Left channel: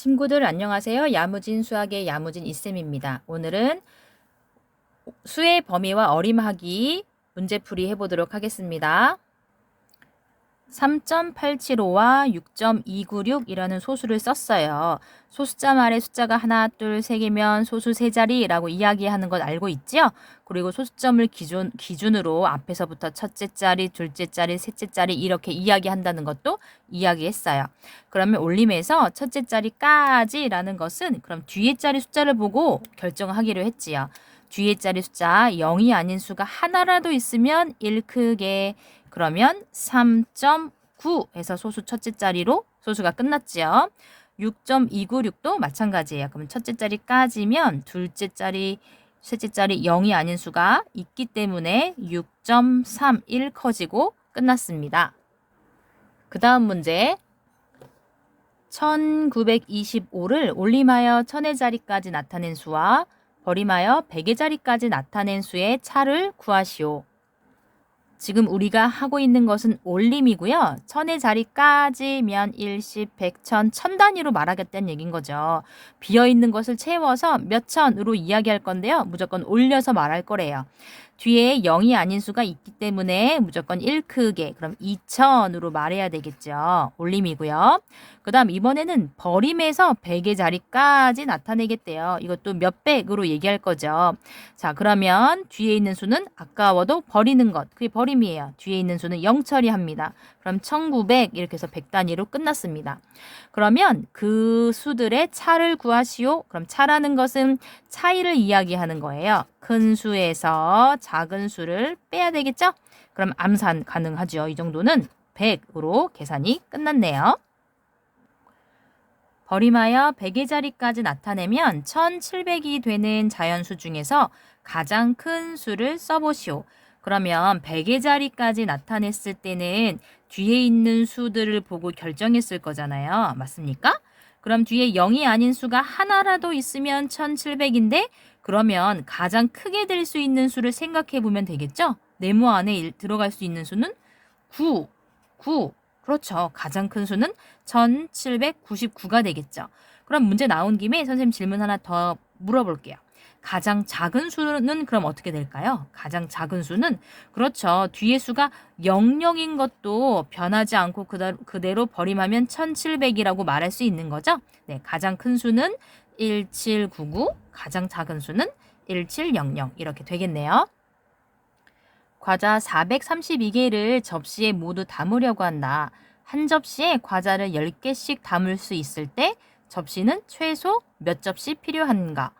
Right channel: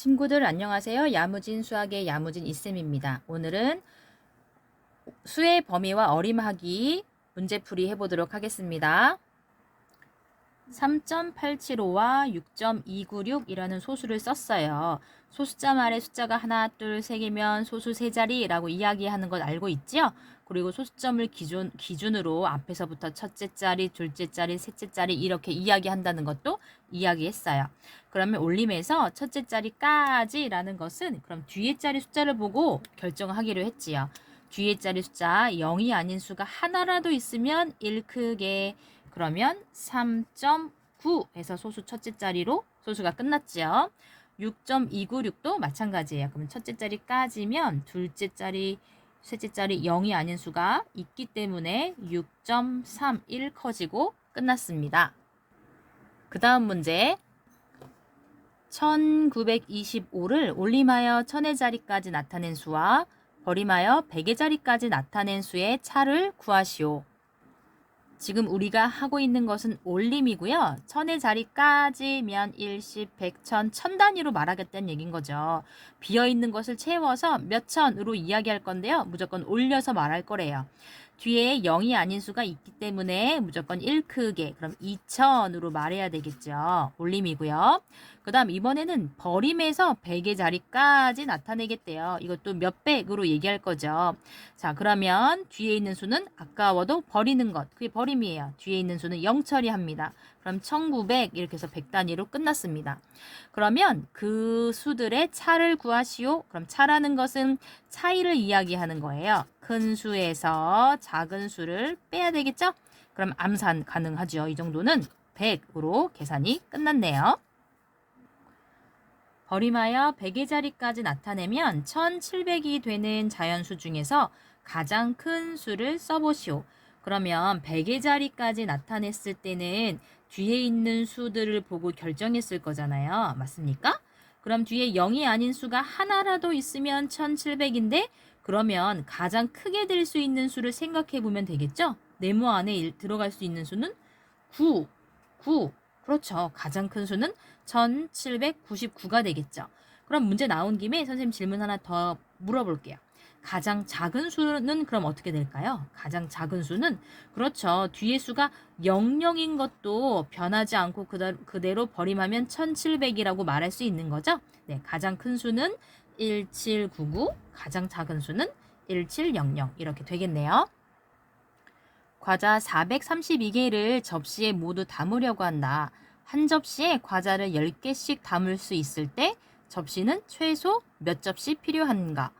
친구들 안녕하세요. 야무진 수학의 야무진 이쌤입니다. 오늘은 수의 범위와 어림하기 문제풀이 해보도록 하겠습니다. 3.875와 6.296이라는 소수를 썼어요. 소수자 말에 숫자가 하나, 둘, 세 개면 소수 세 자리라고 이야기하는 것 알고 있죠? 그리고 소수점을 기준, 기준으로 앞에서부터 첫째 자리, 둘째 자리, 셋째 자리 이렇게 이야기한다는 것도 이야기했어요. 그러면 올림에서 첫째 자리까지라는 것은 그럼 뒤에 자리 숫자를 보고 결정하기로 했지요. 뒤에 자리 숫자 0이 아닌 수가 하나라도 있으면 1 크게 그러면 3.9에서 소수 첫째 자리로 소수가 끝났지요. 6.296도 마찬가지예요. 그럼 첫째 자리까지면 둘째 자리, 셋째 자리 0이 아닌 수가 있기 때문에 6.31 커지고 끝났습니다. 그 다음 문제 1925를 올림하여 천의 자리까지 나타낸 수와 버림하여 백의 자리까지 나타낸 수의 차를 구하시오. 지금 우리가 하고 있는 것은 올림이고요. 천의 자리까지 면 일십, 백천, 천 단위로 말하겠다는 얘기인 거죠. 비어 있는 것을 채워서 몇 천으로 이야기할 건데요. 무조건 올려서 말할 거래요. 뒤에 0이 아닌 수가 있기 때문에 무조건 1 크게 그럼 2천으로 말해야 되겠죠. 올림이고요. 그 다음 이번에는 버림에서 100의 자리까지 나타내겠대요. 이것도 몇 백으로 얘기할 거죠. 자 그러면 뒤에 있는 수는 아까워도 버리는 것 그게 버림이에요. 뒤에 있는 수는 0 처리합니다. 그럼 1900 이렇게 해서 100 단위로 끝났습니다. 그러면 그 수들의 차를 구하시오. 그럼 차라는 것은 차이를 이야기하는 거예요. 큰 수에서 작은 수를 빼야 되겠죠? 그럼 암산 가능하죠. 이 정도는 100으로 계산이 끝났네요. 버림하여 100의 자리까지 나타내면 1700이 되는 자연수 중에서 가장 큰 수를 써보시오. 그러면 100의 자리까지 나타냈을 때는 뒤에 있는 수들을 보고 결정했을 거잖아요. 맞습니까? 그럼 뒤에 0이 아닌 수가 하나라도 있으면 1700인데 그러면 가장 크게 될 수 있는 수를 생각해 보면 되겠죠? 네모 안에 들어갈 수 있는 수는 9, 9. 그렇죠. 가장 큰 수는 1799가 되겠죠. 그럼 문제 나온 김에 선생님 질문 하나 더 물어볼게요. 가장 작은 수는 그럼 어떻게 될까요? 가장 작은 수는 그렇죠. 뒤에 수가 00인 것도 변하지 않고 그대로 버림하면 1700이라고 말할 수 있는 거죠. 네, 가장 큰 수는 1799, 가장 작은 수는 1700 이렇게 되겠네요. 과자 432개를 접시에 모두 담으려고 한다. 한 접시에 과자를 10개씩 담을 수 있을 때 접시는 최소 몇 접시 필요한가?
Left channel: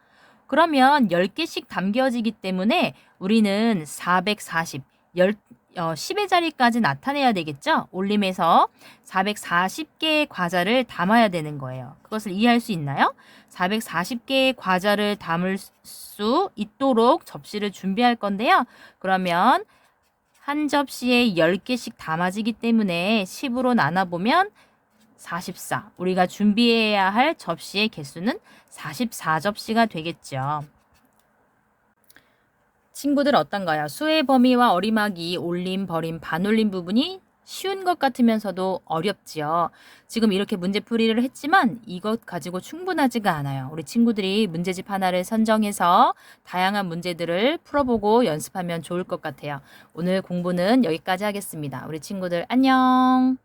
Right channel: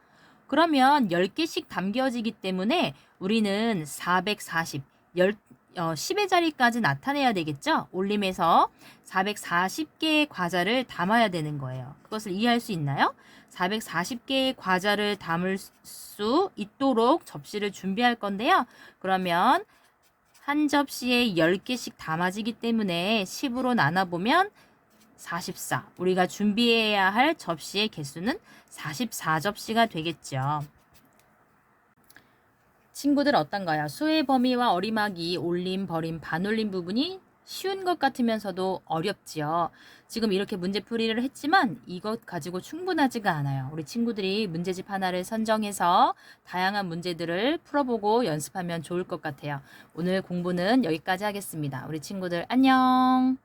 그러면 10개씩 담겨지기 때문에 우리는 440, 10, 어, 10의 자리까지 나타내야 되겠죠? 올림에서 440개의 과자를 담아야 되는 거예요. 그것을 이해할 수 있나요? 440개의 과자를 담을 수 있도록 접시를 준비할 건데요. 그러면 한 접시에 10개씩 담아지기 때문에 10으로 나눠보면 44. 우리가 준비해야 할 접시의 개수는 44접시가 되겠죠. 친구들 어떤가요? 수의 범위와 어림하기, 올림, 버림, 반올림 부분이 쉬운 것 같으면서도 어렵지요. 지금 이렇게 문제풀이를 했지만 이것 가지고 충분하지가 않아요. 우리 친구들이 문제집 하나를 선정해서 다양한 문제들을 풀어보고 연습하면 좋을 것 같아요. 오늘 공부는 여기까지 하겠습니다. 우리 친구들 안녕!